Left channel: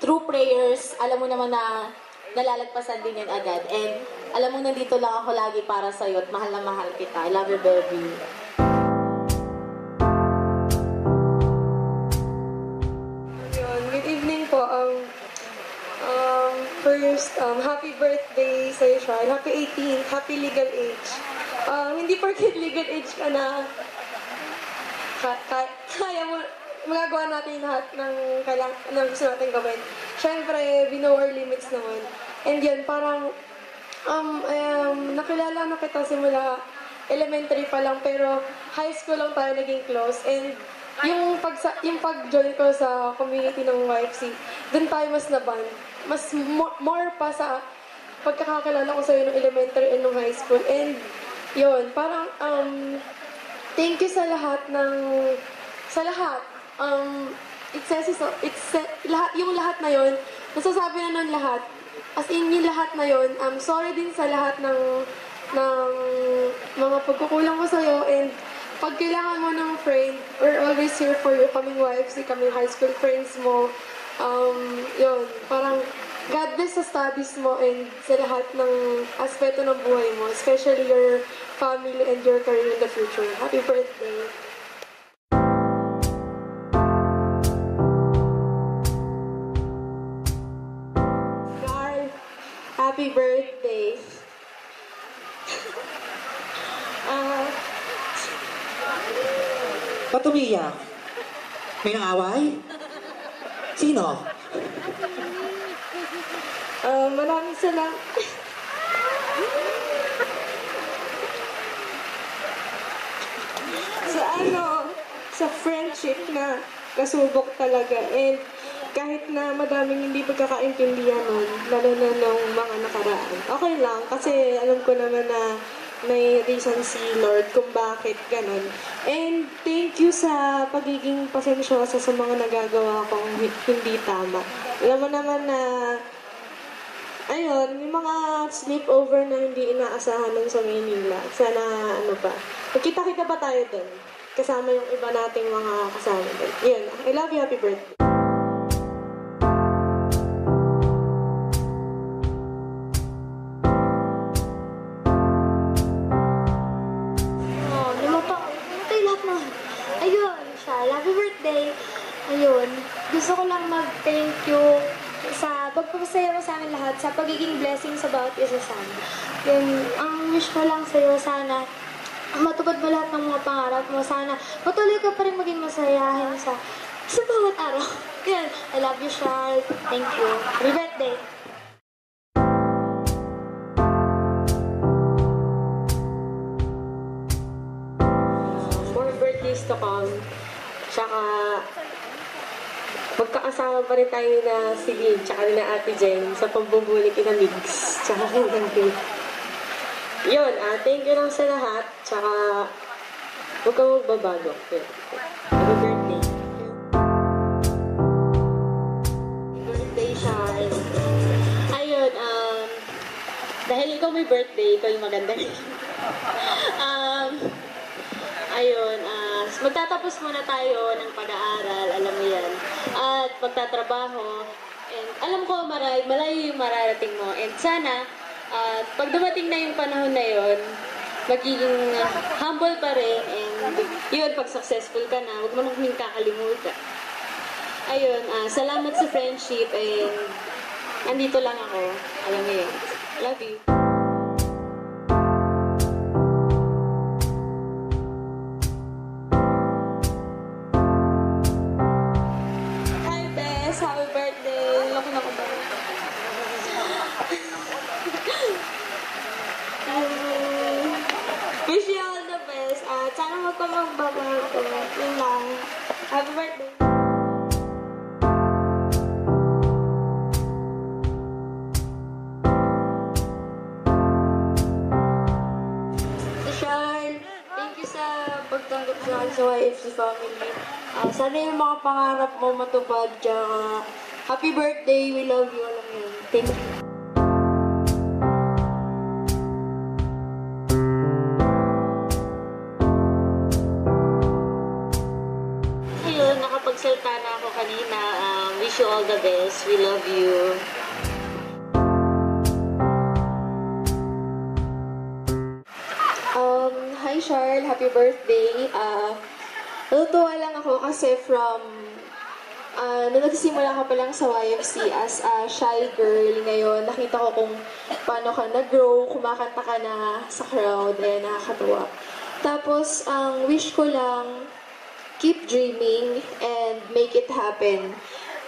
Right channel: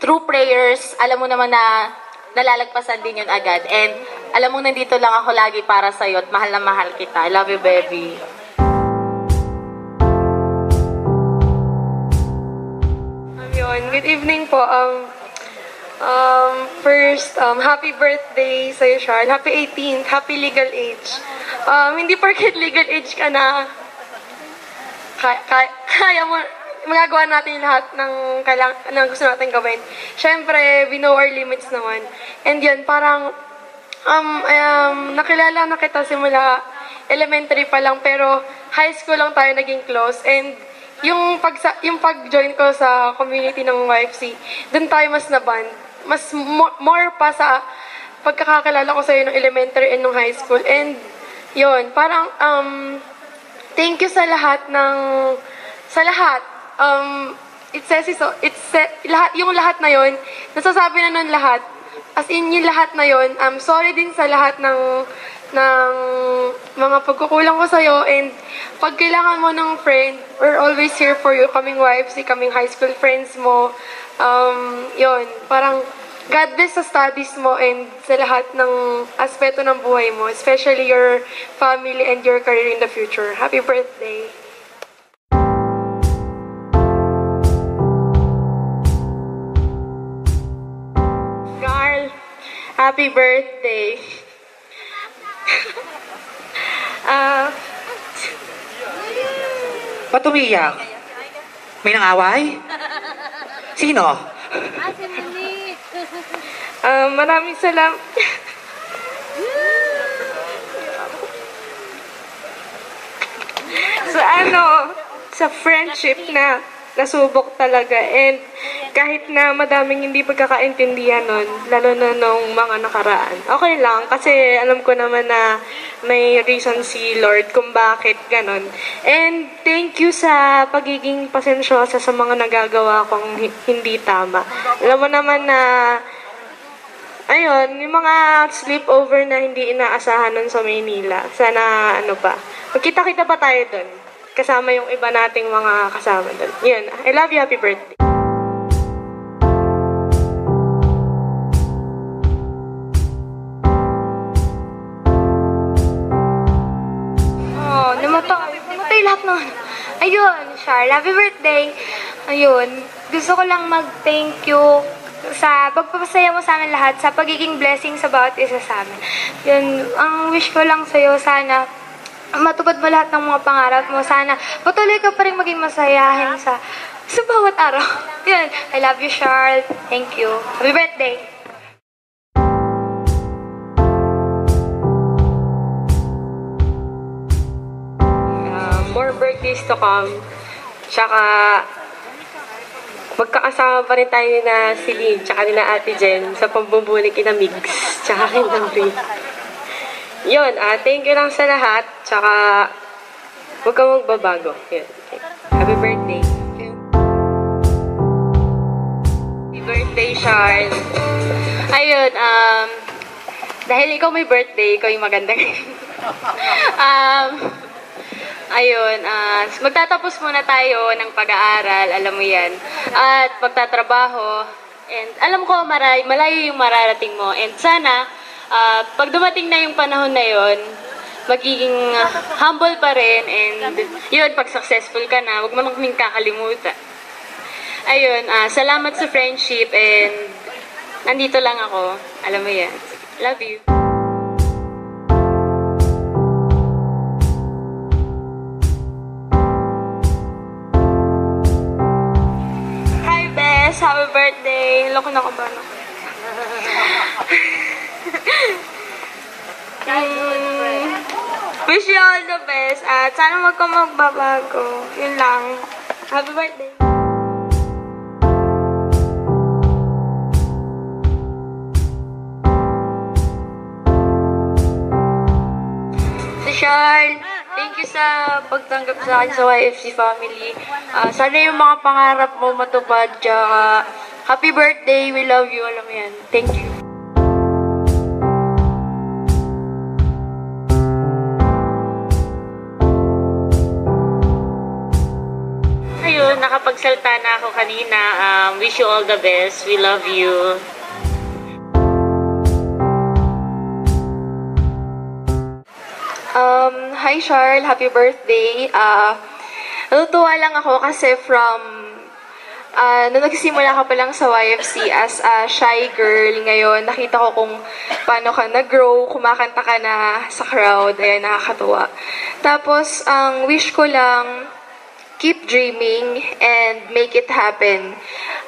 through prayers, alam mo naman na nalalagpasan din yun agad. And alam mo, nandito lang ako lagi para sa'yo at mahal na mahal kita. I love you, baby. Good evening po. First, happy birthday sa'yo, Charles. Happy 18th. Happy legal age. Hindi porket legal age ka na, kaya mo, magagawa natin lahat ng gusto natin gawin. Siyempre, we know our limits naman. And yun, parang, nakilala na kita simula elementary pa lang, pero high school lang tayo naging close. And yung pag-join ko sa community ng YFC, dun tayo mas na-bond. Mas more pa sa pagkakakilala ko sa'yo ng elementary and ng high school. And yun, parang thank you sa lahat sa lahat. Yung lahat na yun, nasasabi na nun lahat. As in, yung lahat na yun, sorry din sa lahat ng mga pagkukulang ko sa'yo. And pag kailangan mo ng friend, we're always here for you. Kaming YFC, kaming high school friends mo. Yun, parang God bless sa studies mo and sa lahat ng aspeto ng buhay mo, especially your family and your career in the future. Happy birthday! Carl, happy birthday! Ba't umiyak? May nang-away? Sino? Maraming salamat. Sa friendship na nasubok talaga. And kahit na madaming hindi pagkakaintindihan nun, lalo na nung mga nakaraan. Okay lang, kasi alam ko naman na may reason si Lord kung bakit ganon. And thank you sa pagiging pasensyosa sa mga nagagawa kong hindi tama. Alam mo naman na, ayun, yung mga sleepover na hindi inaasahan nun sa Maynila. Sana, magkita-kita pa tayo dun. Kasama yung iba nating mga kasama dun. Yun, I love you, happy birthday. Namatay lahat nun. Ayun, Char, happy birthday. Ayun, gusto ko lang mag-thank you sa pagpapasaya mo sa amin lahat, sa pagiging blessing sa bawat isa sa amin. Yun, ang wish ko lang sa'yo, sana matupad mo lahat ng mga pangarap mo. Sana patuloy ka pa rin maging masayahin sa bawat araw. Yun, I love you, Charles. Thank you. Happy birthday. More birthdays to come. Tsaka, magkakasama pa rin tayo na si Lynn, tsaka ni na Ate Jen sa pambubulig kina Migs, tsaka kina Rin. Yun, thank you lang sa lahat, tsaka huwag kang magbabago. Yun. Happy birthday. Happy birthday, Charles. Ayun, dahil ikaw may birthday, ikaw yung maganda. Ayun, magtatapos muna tayo ng pag-aaral, alam mo yan, at magtatrabaho, and alam ko malayo yung mararating mo, and sana, pag dumating na yung panahon na yon, magiging humble pa rin, and yun, pag successful ka na, huwag mo nang kaming kakalimutan. Ayun, salamat sa friendship, and nandito lang ako, alam mo yan, love you. Happy birthday! Loko na ko ba? Wish you all the best at sana wag ka magbabago. Yun lang. Happy birthday! Charles, thank you sa pagtanggap sa akin sa YFC family. Sana yung mga pangarap mo matupad. Happy birthday, we love you, alam mo yan. Thank you. Ayun, nakapagsalta na ako kanina. kanina. Wish you all the best. We love you. Hi Charles, happy birthday. Natutuwa lang ako kasi nung nagsimula ka pa lang sa YFC as a shy girl, ngayon nakita ko kung paano ka nag-grow, kumakanta ka na sa crowd, ayan, nakakatuwa. Tapos, ang wish ko lang, keep dreaming and make it happen.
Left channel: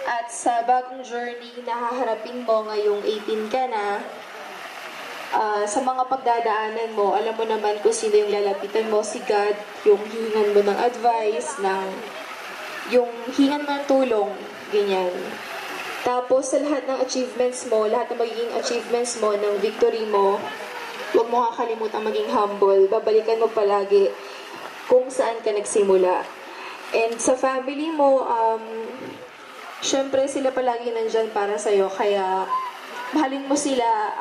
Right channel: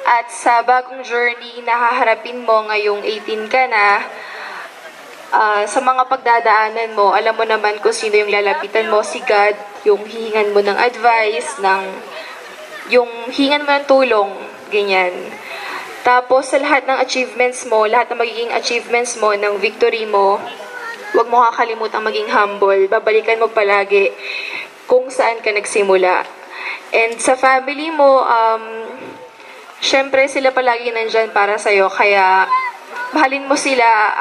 At sa bagong journey na haharapin mo ngayong 18 ka na, sa mga pagdadaanan mo, alam mo naman kung sino yung lalapitan mo, si God, yung hihingan mo ng advice, yung hihingan mo ng tulong, ganyan. Tapos sa lahat ng achievements mo, lahat ng magiging achievements mo, ng victory mo, huwag mo kakalimutan maging humble. Babalikan mo palagi kung saan ka nagsimula. And sa family mo, syempre sila palagi nandyan para sa'yo, kaya mahalin mo sila,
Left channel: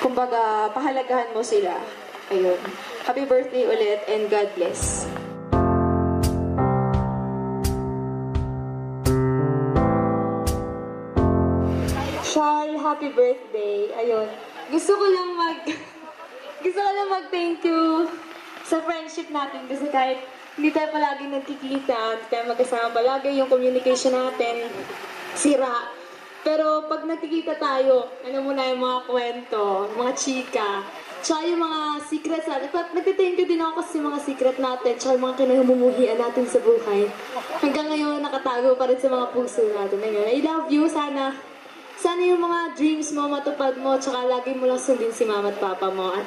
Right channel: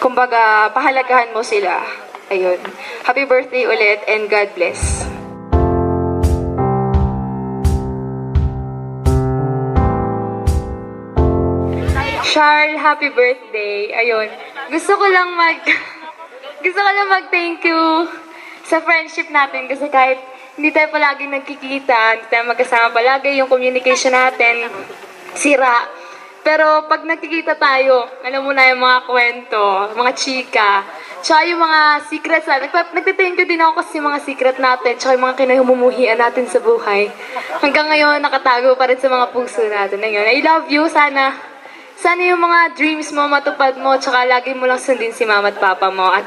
kumbaga, pahalagahan mo sila. Ayun. Happy birthday ulit and God bless. Charles, happy birthday. Ayun. Gusto ko lang mag-thank you sa friendship natin kasi kahit hindi tayo palaging nagkikita, hindi tayo magkasama palagi, yung communication natin sira. Pero pag nakikita tayo, alam mo na yung mga kwento, mga chika, tsaka yung mga secrets natin. Nagtithank you din ako kasi yung mga secret natin, tsaka yung mga kinahumumuhian natin sa buhay. Hanggang ngayon, nakatago pa rin sa mga puso natin. Ayun, I love you. Sana yung mga dreams mo matupad mo, tsaka lagi mo lang sundin si mama at papa mo. At,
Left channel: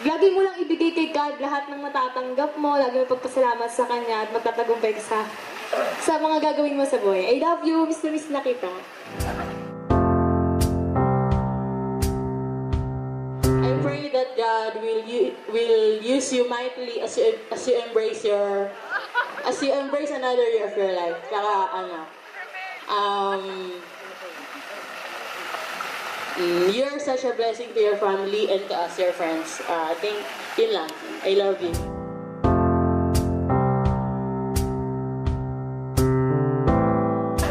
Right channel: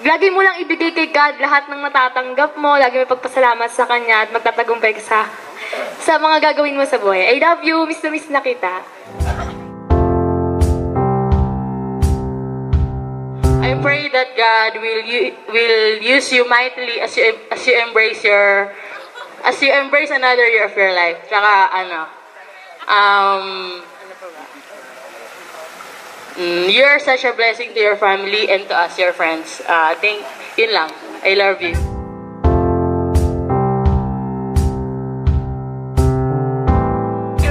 lagi mo lang ibigay kay God lahat ng natatanggap mo, lagi mo pagpasalamat sa Kanya at magtatagumpay ka sa mga gagawin mo sa buhay. I love you, miss na miss na kita. I pray that God will use you mightily as you embrace another year of your life. Tsaka you're such a blessing to your family and to us, your friends. Yun lang. I love you.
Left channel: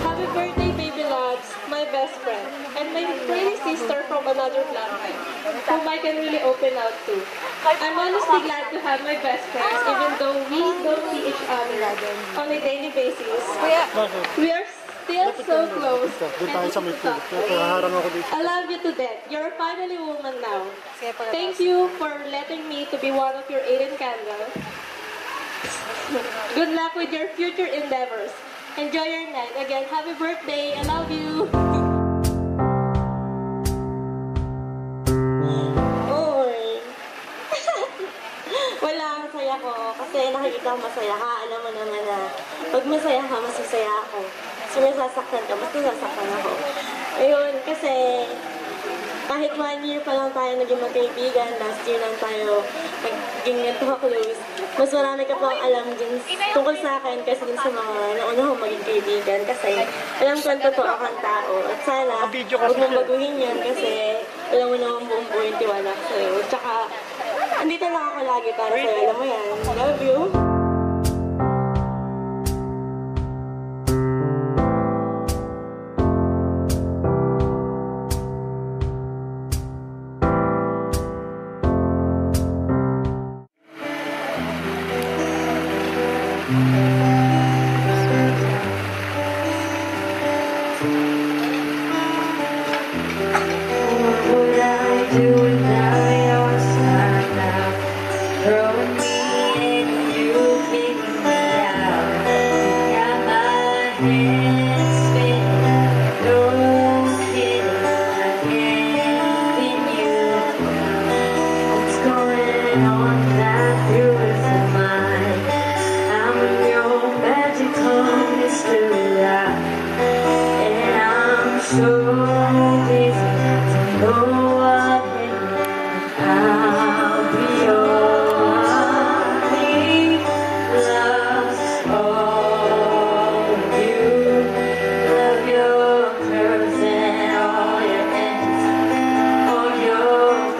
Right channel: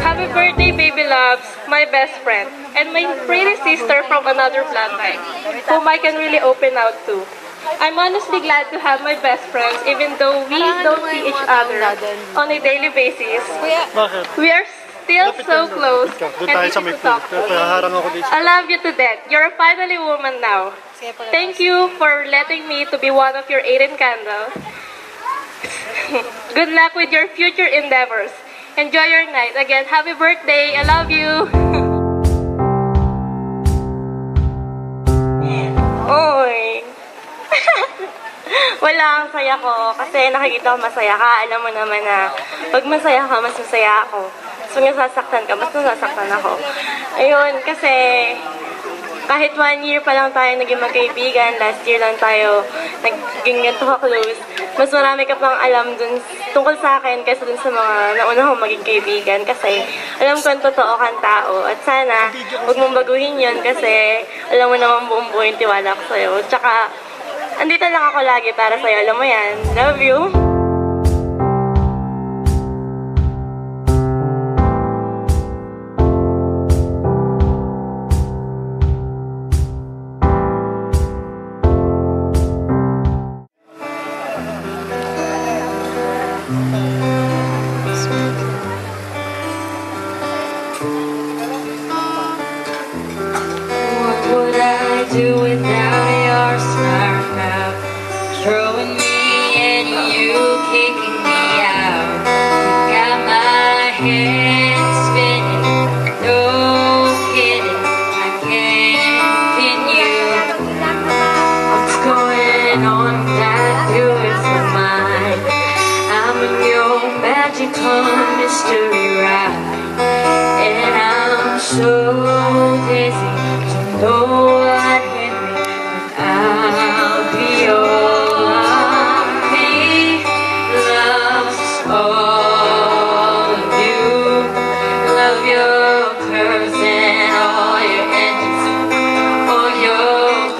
Happy birthday, baby loves, my best friend, and my pretty sister from another bloodline, whom I can really open out to. I'm honestly glad to have my best friends, even though we don't see each other on a daily basis. We are still so close and easy to talk to. I love you to death. You're finally a woman now. Thank you for letting me to be one of your 18 candles. Good luck with your future endeavors. Enjoy your night. Again, happy birthday. I love you. Oy. Wala, ang saya ko. Kasi nakikita ko masaya ka. Alam mo naman na pag masaya ka, mas masaya ako. So, nasasaktan ka, mas nasasaktan ako. Ayun, kasi kahit 1 year pa lang tayo naging magkaibigan, last year lang tayo naging ganito ka-close, mas marami ka pang alam dun tungkol sa akin kaysa dun sa mga nauna kong maging kaibigan kasi alam ko ang totoo kang tao at sana huwag mong baguhin yun kasi alam mo naman buong buo yung tiwala ko sa'yo. Tsaka, andito lang ako lagi para sa'yo, alam mo yan. Love you!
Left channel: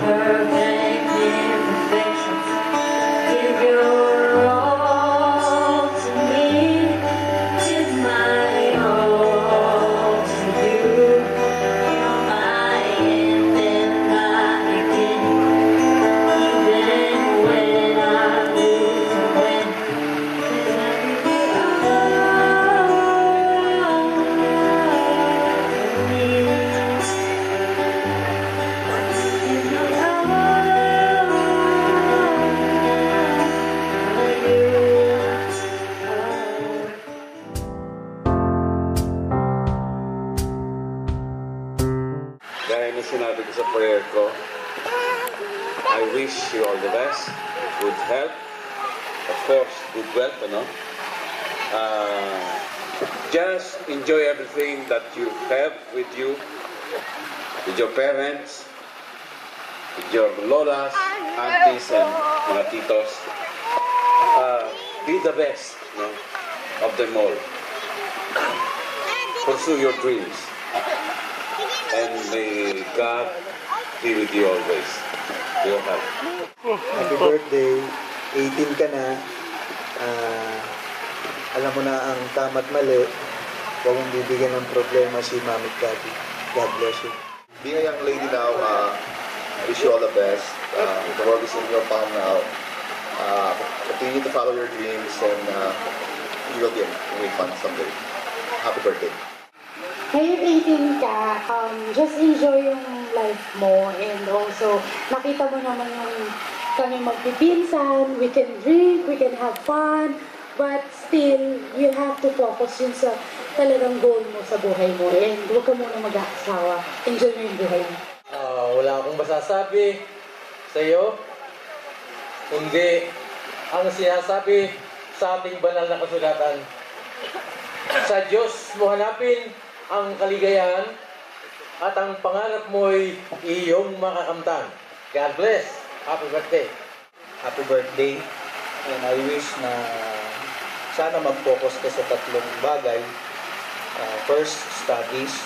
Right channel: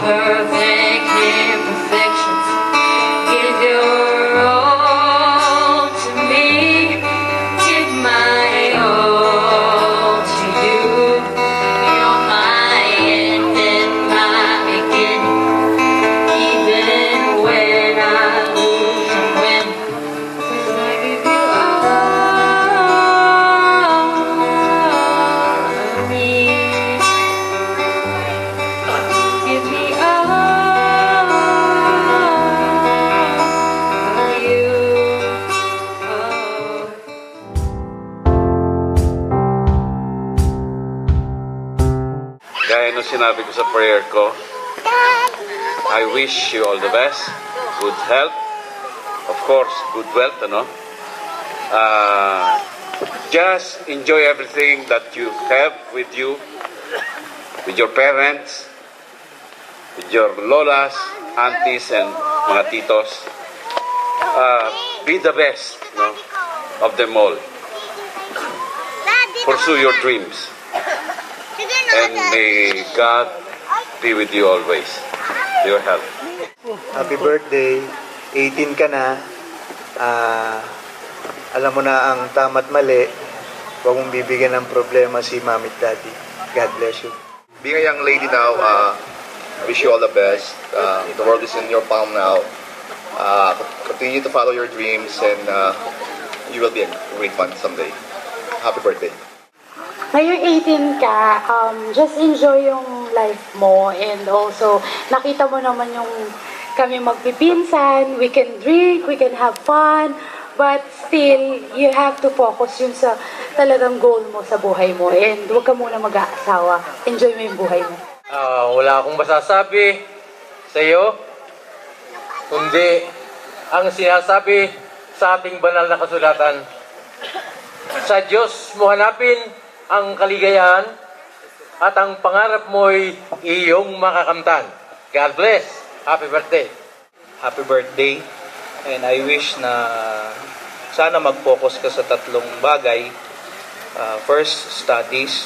Perfect imperfections. Give your sinabi ko sa prayer ko. I wish you all the best, good health, of course, good wealth, ano? Just enjoy everything that you have with you, with your parents, with your lolas, aunties, and mga titos. Be the best, no, of them all. Pursue your dreams. And may God be with you always. Your health. Happy birthday. 18 ka na. Alam mo na ang tama't mali. Huwag mong bibigyan ng problema si mami at daddy. God bless you. Being a young lady now, I wish you all the best. The world is in your palm now. Continue to follow your dreams and you will be a great one someday. Happy birthday. Ngayong 18 ka, just enjoy yung life mo and also nakita mo naman yung kami magpipinsan, we can drink, we can have fun, but still, you have to focus yun sa talagang goal mo sa buhay mo and huwag ka muna mag-aasawa. Enjoy mo yung buhay mo. Wala akong masasabi sa iyo, kundi ang sinasabi sa ating banal na kasulatan. Sa Diyos mo hanapin ang kaligayahan at ang pangarap mo'y iyong makakamtan. God bless. Happy birthday. Happy birthday. And I wish na sana mag-focus ka sa tatlong bagay. First, studies.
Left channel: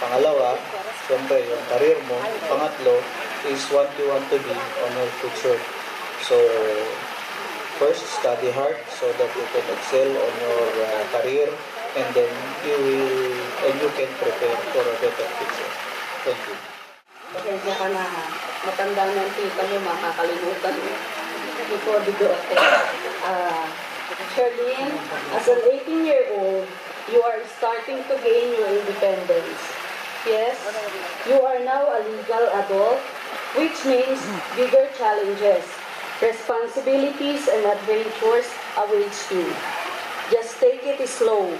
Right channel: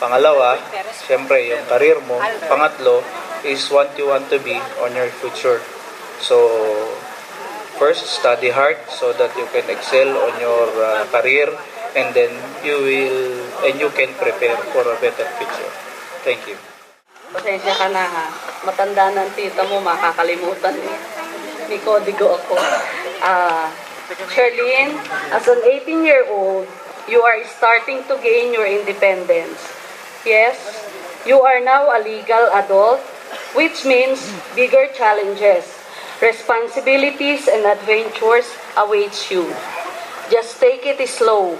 Pangalawa, siyempre yung career mo. Pangatlo is what you want to be on your future. So, first, study hard so that you can excel on your career and then you can prepare for a better future. Thank you. Pasensya ka na ha. Matanda na ang tita mo, makakalimutan mo. Ni Codigo ako. Charlene, as an 18-year-old, you are starting to gain your independence. Yes, you are now a legal adult, which means bigger challenges, responsibilities, and adventures await you. Just take it slow.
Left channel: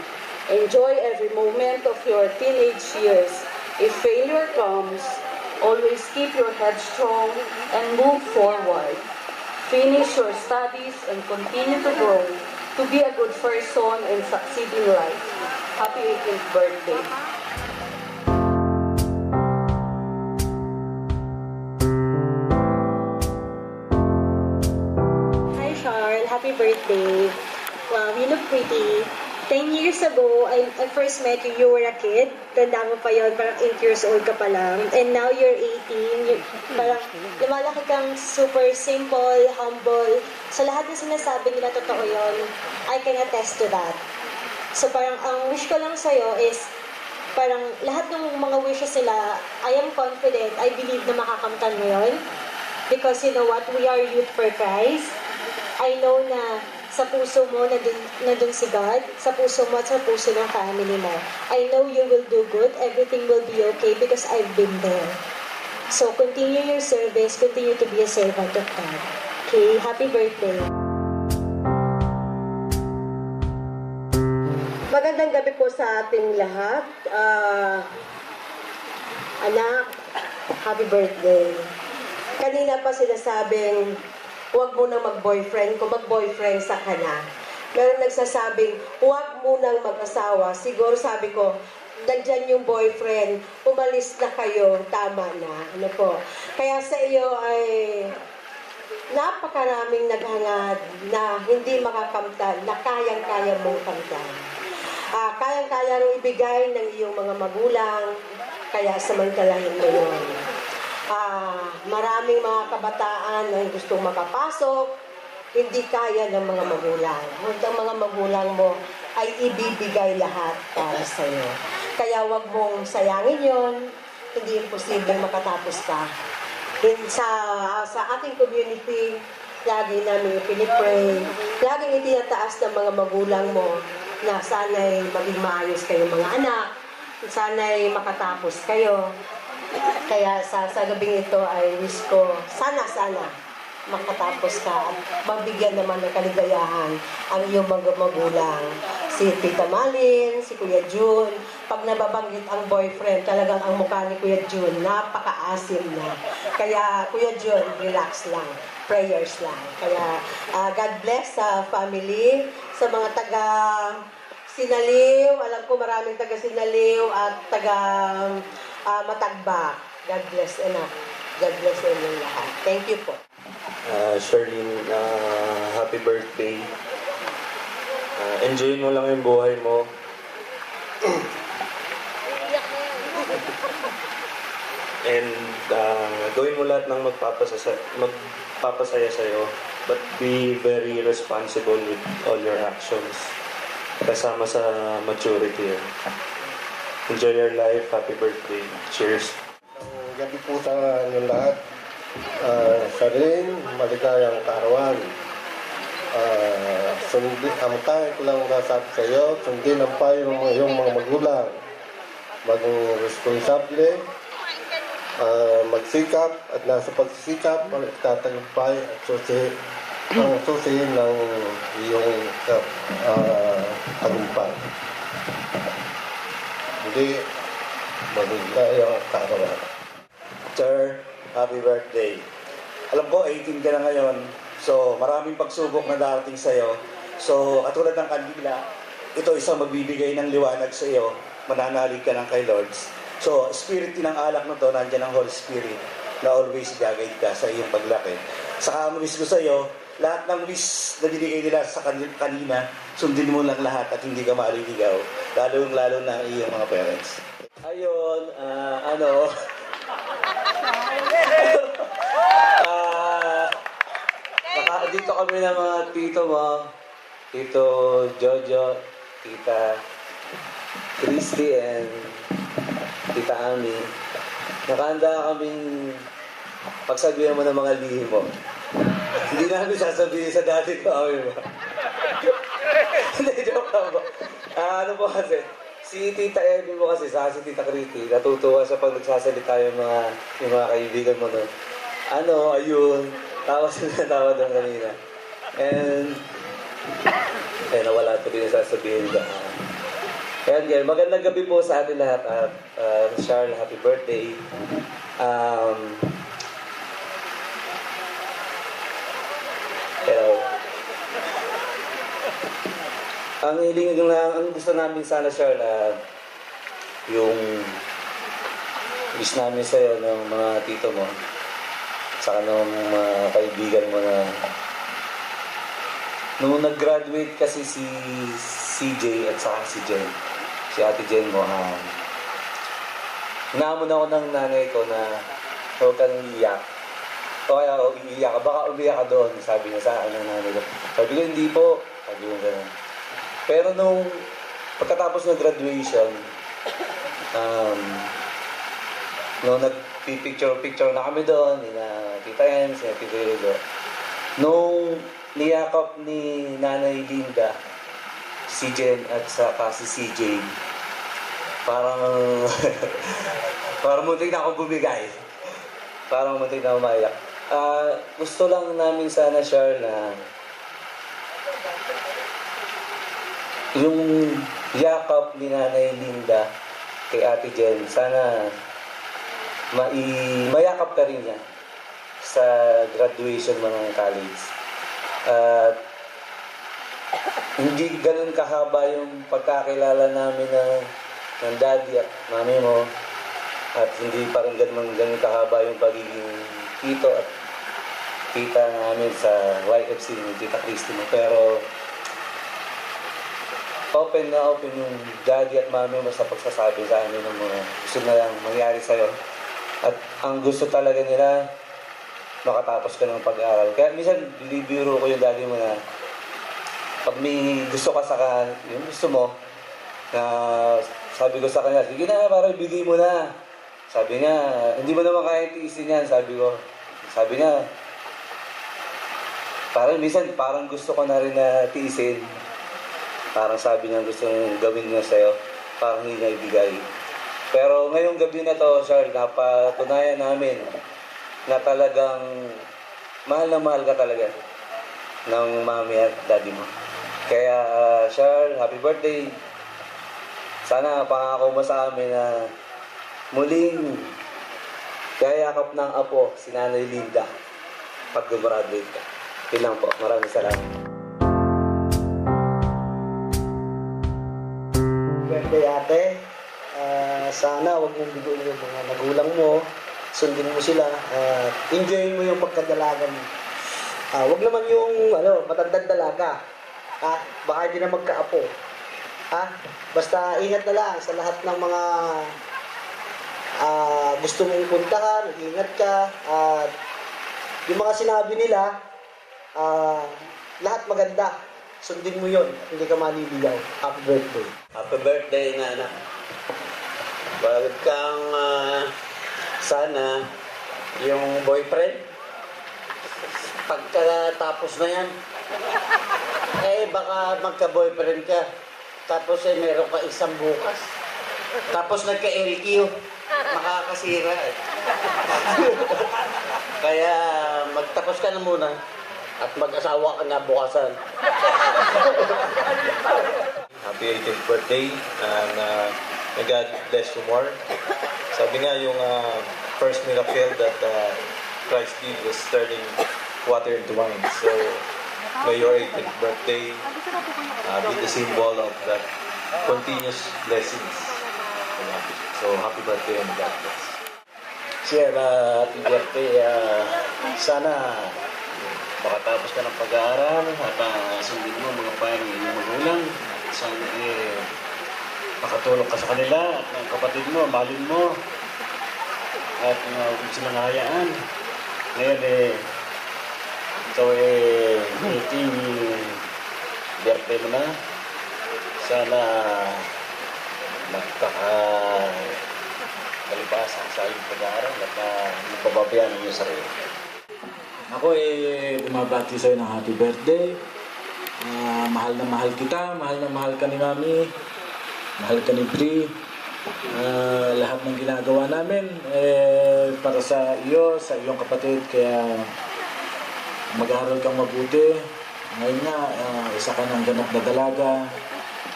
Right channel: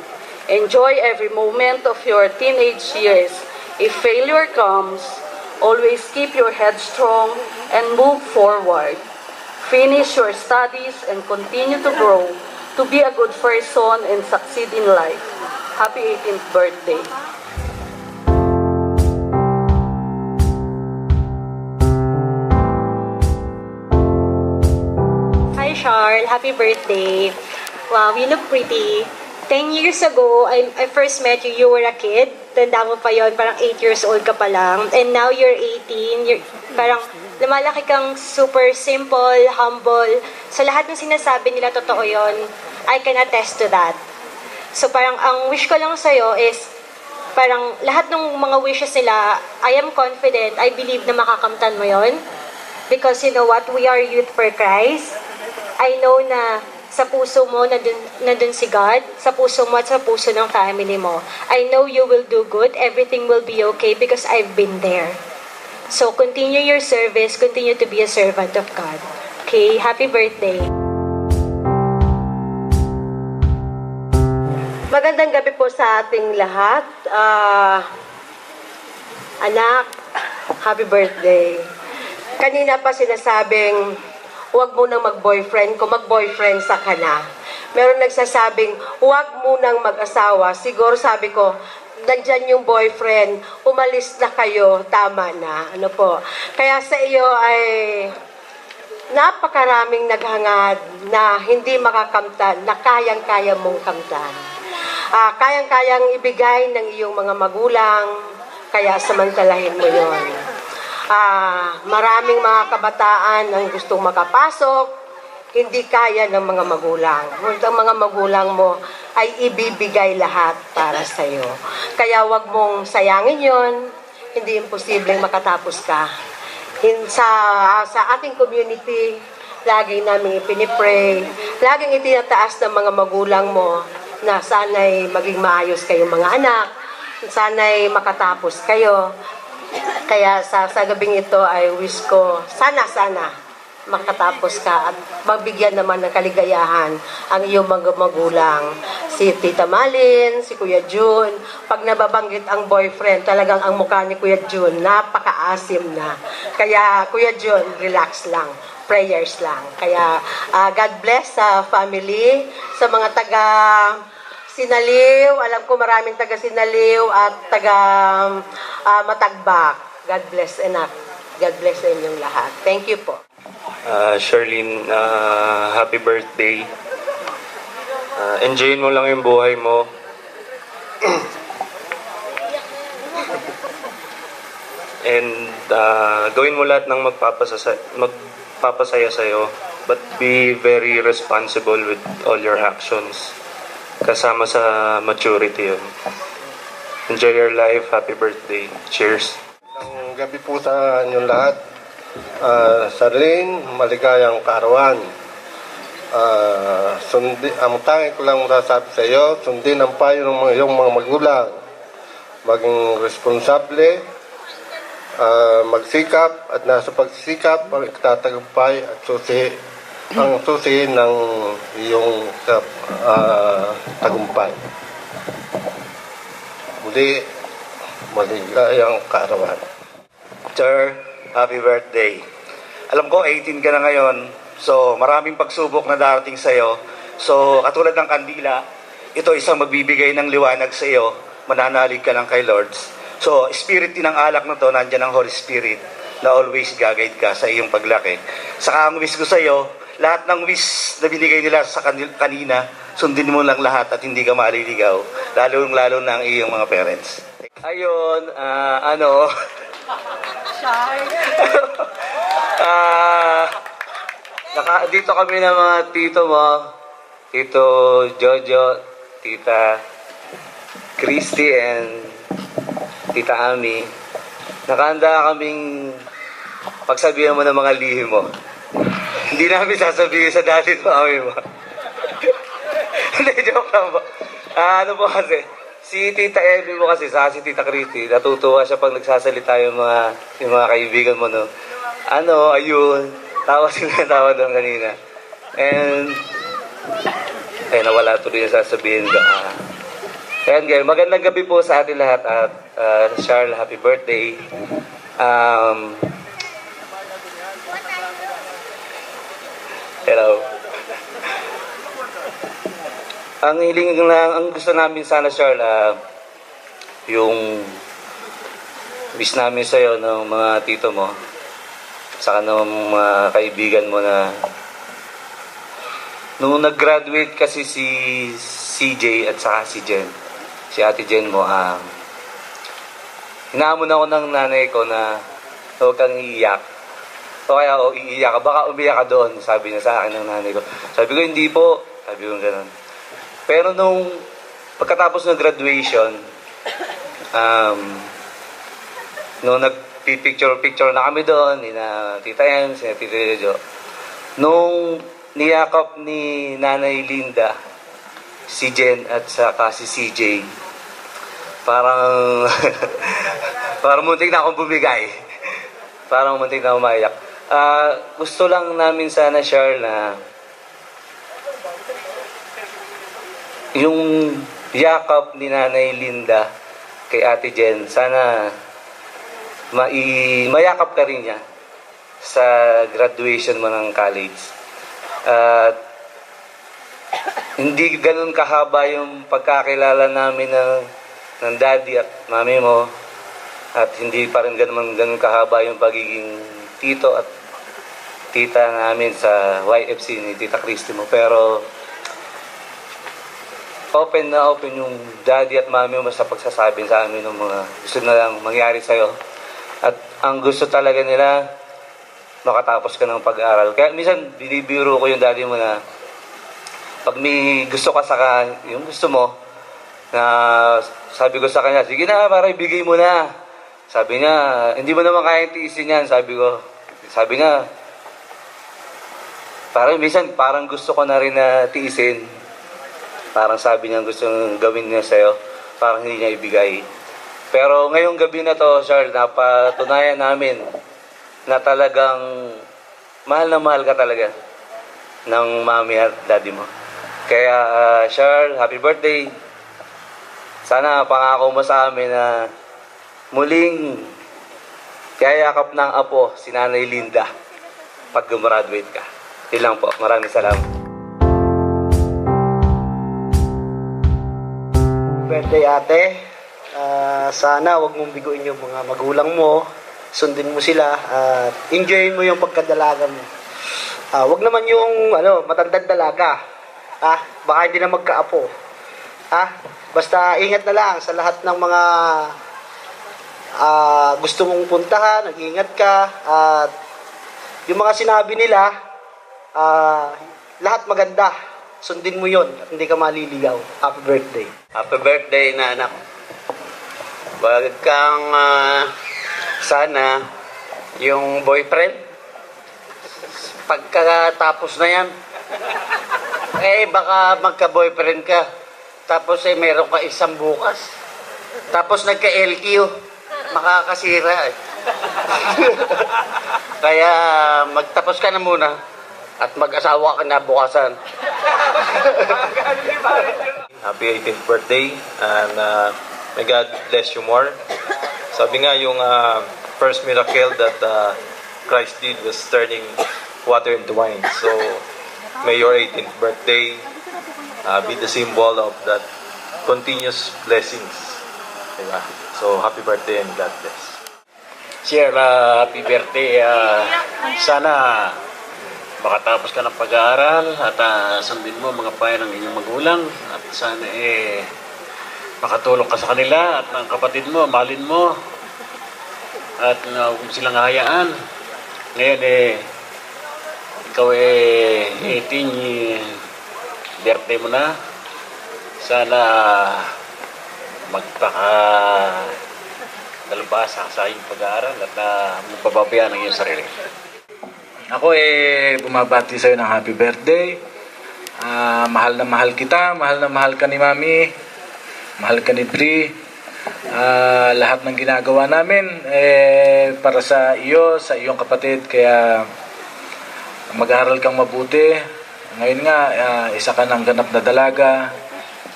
Enjoy every moment of your teenage years. If failure comes, always keep your head strong and move forward. Finish your studies and continue to grow to be a good person and succeed in life. Happy 18th birthday. Hi, Charles. Happy birthday. Wow, you look pretty. 10 years ago, I first met you, you were a kid. Tanda mo pa yon, parang 8 years old ka pa lang. And now you're 18, parang lumalaki kang super simple, humble. Sa lahat ng sinasabi nila, totoo yon. I can attest to that. So parang ang wish ko lang sa'yo is, parang lahat ng mga wishes nila, I am confident, I believe na makakamtan mo yon. Because you know what, we are youth for Christ. I know na sa puso mo, nandun si God, sa puso mo at sa puso ng family mo. I know you will do good, everything will be okay because I've been there. So, continue your service, continue to be a servant of God. Okay, happy birthday. Magandang gabi po sa ating lahat. Anak, happy birthday. Kanina pa sinasabing, huwag mo nang mag-boyfriend kung mag-boyfriend sa ka na. Meron nagsasabing, huwag mo nang mag-asawa. Siguro sabi ko, nandyan yung boyfriend, umalis na kayo, tama na. Ano po? Kaya sa iyo ay napakaraming naghangad na hindi makakamtan, na kayang-kaya mong kamtan. Kayang-kayang ibigay ng iyong mga magulang, kaya samantalahin mo yon. Maraming mga kabataan ang gustong makapasok, hindi kaya ng mga magulang. Ang mga magulang mo ay ibibigay lahat para sa iyo. Kaya wag mong sayangin yon, hindi imposibleng makatapos ka. Sa ating community, lagi namin ipinipray, laging itinataas ng mga magulang mo na sana'y maging maayos kayong mga anak, sana'y makatapos kayo. Kaya sa gabing ito ay wish ko, sana makatapos ka at mabigyan naman ng kaligayahan ang iyong mga magulang. si Tita Malin, si Kuya Jun. Pag nababanggit ang boyfriend, talagang ang mukha ni Kuya Jun, napaka-asim na. Kaya Kuya Jun, relax lang. Prayers lang. Kaya God bless sa family, sa mga taga Sinaliw. Alam ko maraming taga Sinaliw at taga Matagbak. God bless enough. God bless sa inyong lahat. Thank you po. Charlene, happy birthday. Enjoyin mo lang yung buhay mo. And gawin mo lahat ng magpapasaya sa'yo. But be very responsible with all your actions. Kasama sa maturity yun. Enjoy your life. Happy birthday. Cheers. Ang gabi po sa inyong lahat. Charlene, maligayang kaarawan. Ang tanging ko lang masasabi sa iyo, sundin ang payo ng iyong mga magulang. Maging responsable, magsikap, at nasa pagsisikap, magtatagumpay at ang susi ng iyong tagumpay. Muli, maligayang kaarawan. Sir, happy birthday. Alam ko, 18 ka na ngayon. So, maraming pagsubok na darating sa'yo. So, katulad ng kandila, ito isang magbibigay ng liwanag sa iyo. Mananalig ka lang kay Lords. So, spirit din ng alak na to, nandyan ang Holy Spirit na always gagayad ka sa iyong paglaki. Saka ang wish ko sa iyo, lahat ng wish na binigay nila sa kanina, sundin mo lang lahat at hindi ka maliligaw. Lalo na ang iyong mga parents. Ayun, dito kami ng mga tito mo, Tito Jojo, Tita Christy, and Tita Ami. Nakahanda kaming pagsabihan mo ng mga lihim mo. Hindi namin sasabihin sa daddy mo, Ami mo. Hindi, joke lang po. Ano po kasi, si Tita Ellie mo kasi, si Tita Christy, natutuwa siya pag nagsasalita yung mga kaibigan mo, no? Ayun. Tawa sila doon kanina. And, nawala tuloy yung sasabihin ko. Ayan guys, magandang gabi po sa atin lahat at Charles, happy birthday. Hello. Ang gusto namin sana, Charles, yung wish namin sa'yo ng mga tito mo, saka ng mga kaibigan mo na nung nag-graduate kasi si CJ at saka si Jen, si Ate Jen mo, inaamon ako ng nanay ko na huwag kang iiyak. O kaya, iiyak ka, baka umiyak ka doon, sabi niya sa akin ng nanay ko. Sabi ko, hindi po. Sabi ko gano'n. Pero nung pagkatapos ng graduation, nung nagpipicture na kami doon, ni na Tita Ems, ni Tita Jojo, nung niyakap ni Nanay Linda, si Jen at saka si CJ, parang muntik na akong bumigay. Parang muntik na umayak. Gusto lang namin sana, Charles, na yung yakap ni Nanay Linda kay Ate Jen, sana mayakap ka rin niya sa graduation mo ng college. Hindi ganun kahaba yung pagkakilala namin ng daddy at mami mo, at hindi pa rin ganun kahaba yung pagiging tito at tita namin sa YFC ni Tita Christy mo. Pero open yung daddy at mami mo sa pagsasabi sa amin ng mga gusto na lang mangyari sa'yo. At ang gusto talaga nila, makatapos ka ng pag-aaral. Kaya minsan, binibiro ko yung daddy mo na pag may gusto ka yung gusto mo, na sabi ko sa kanya, sige na, para ibigay mo na. Sabi niya, hindi mo naman kaya tiisin yan, sabi ko. Sabi niya, parang gusto ko na rin na tiisin. Parang sabi niya gusto gawin niya sa'yo, parang hindi niya ibigay. Pero ngayong gabi na to, Charles, napatunayan namin na talagang mahal na mahal ka talaga ng mami at daddy mo. Kaya, Charles, happy birthday. Sana pangako mo sa amin na muling kayakap ng apo si Nanay Linda pag gumraduate ka. Yun lang po. Maraming salamat. Birthday ate. Sana wag mong biguin yung mga magulang mo. Sundin mo sila at enjoyin mo yung pagkadalaga mo. Wag naman yung matandang dalaga. Baka hindi na magkaapo. Basta ingat na lang sa lahat ng mga gusto mong puntahan, nag-ingat ka at yung mga sinabi nila, lahat maganda. Sundin mo yon at hindi ka maliligaw. Happy birthday. Happy birthday na anak. Wag kang sana yung boyfriend pagkatapos na yan baka magka-boyfriend ka tapos meron ka isang bukas tapos nagka-LQ makakasira kaya magtapos ka na muna at mag-asawa ka na bukasan. Happy 18th birthday and may God bless you more. Sabi nga yung first miracle that Christ did was turning water into wine. So may your 18th birthday be the symbol of that continuous blessings. Diba? So happy birthday and God bless. Sir, happy birthday. Sana makatapos ka ng pag-aaral at sundin mo mga payo ng inyong magulang at sana makatulong ka sa kanila at ng kapatid mo, mahalin mo at huwag silang hayaan. Ngayon ikaw 18 birthday mo na. Sana dalubhasa sa iyong pag-aaral at magpapabayaan ng iyong sarili. Ako bumabati sa'yo ng happy birthday. Mahal na mahal kita, mahal na mahal ka ni Mami, mahal ka ni Bri. Lahat ng ginagawa namin para sa iyo, sa iyong kapatid. Kaya mag-aaral kang mabuti. Ngayon nga, isa ka ng ganap na dalaga.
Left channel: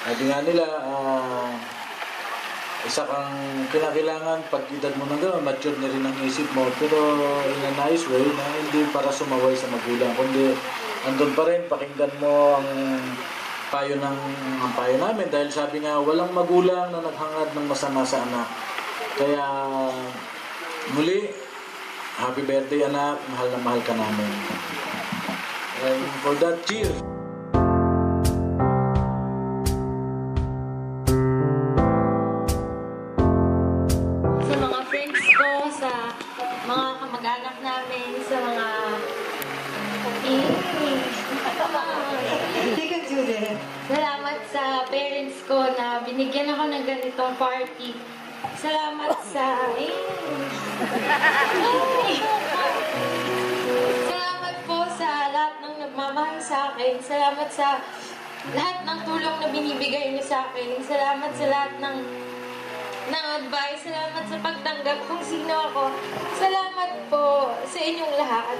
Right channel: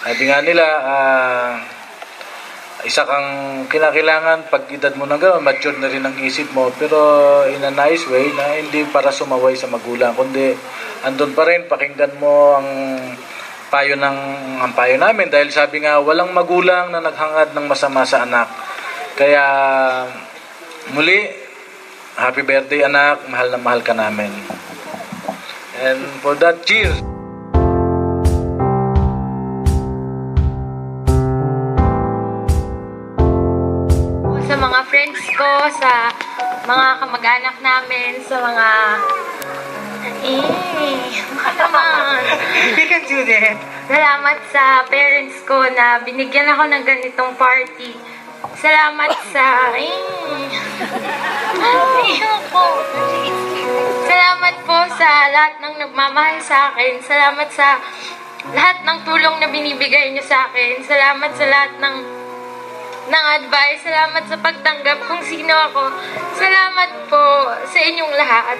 Sabi nga nila, isa kang kinakailangan pag edad mo nang gano'n, mature na rin ang isip mo, pero in a nice way na hindi para sumaway sa magulang, kundi andun pa rin, pakinggan mo ang payo namin dahil sabi nga walang magulang na naghangad ng masama sa anak. Kaya muli, happy birthday anak, mahal na mahal ka namin. And for that, cheers! Sa mga friends ko, sa mga kamag-anak namin, sa mga... Bigan, Judith. Salamat sa parents ko na binigyan ako ng ganitong party. Salamat sa... Salamat po sa lahat ng nagmamahal sa akin. Salamat sa lahat ng tulong na binibigay niyo sa akin. Salamat sa lahat ng advice. Salamat sa pagtanggap kung sino ako. Salamat po sa inyong lahat.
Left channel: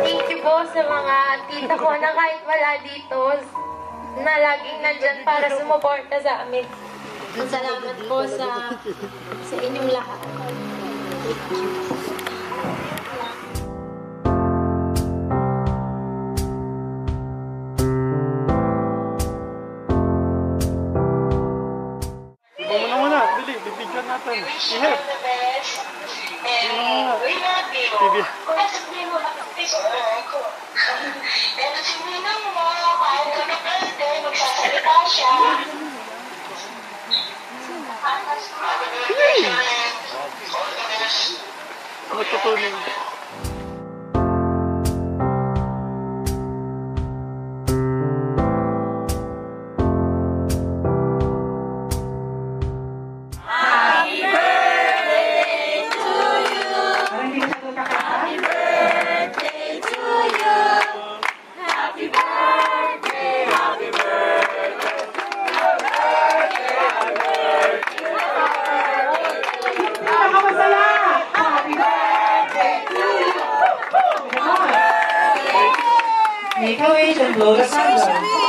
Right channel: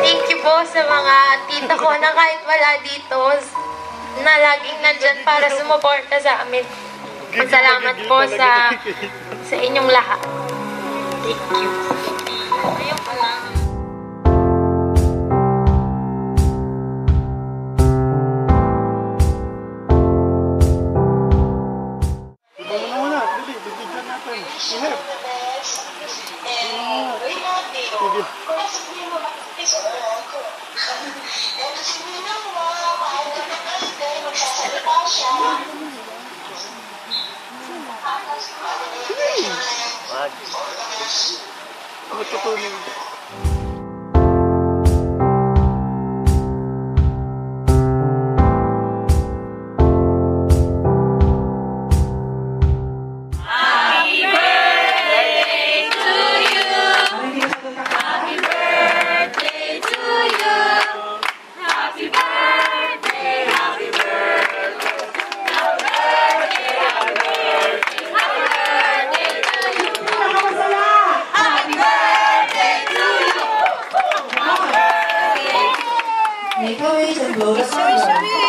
Thank you po sa mga tita ko na kahit wala dito, na laging nandyan para sumuporta sa amin. Salamat po sa inyong lahat. Thank you. Happy birthday! DOH and Lola Sandra.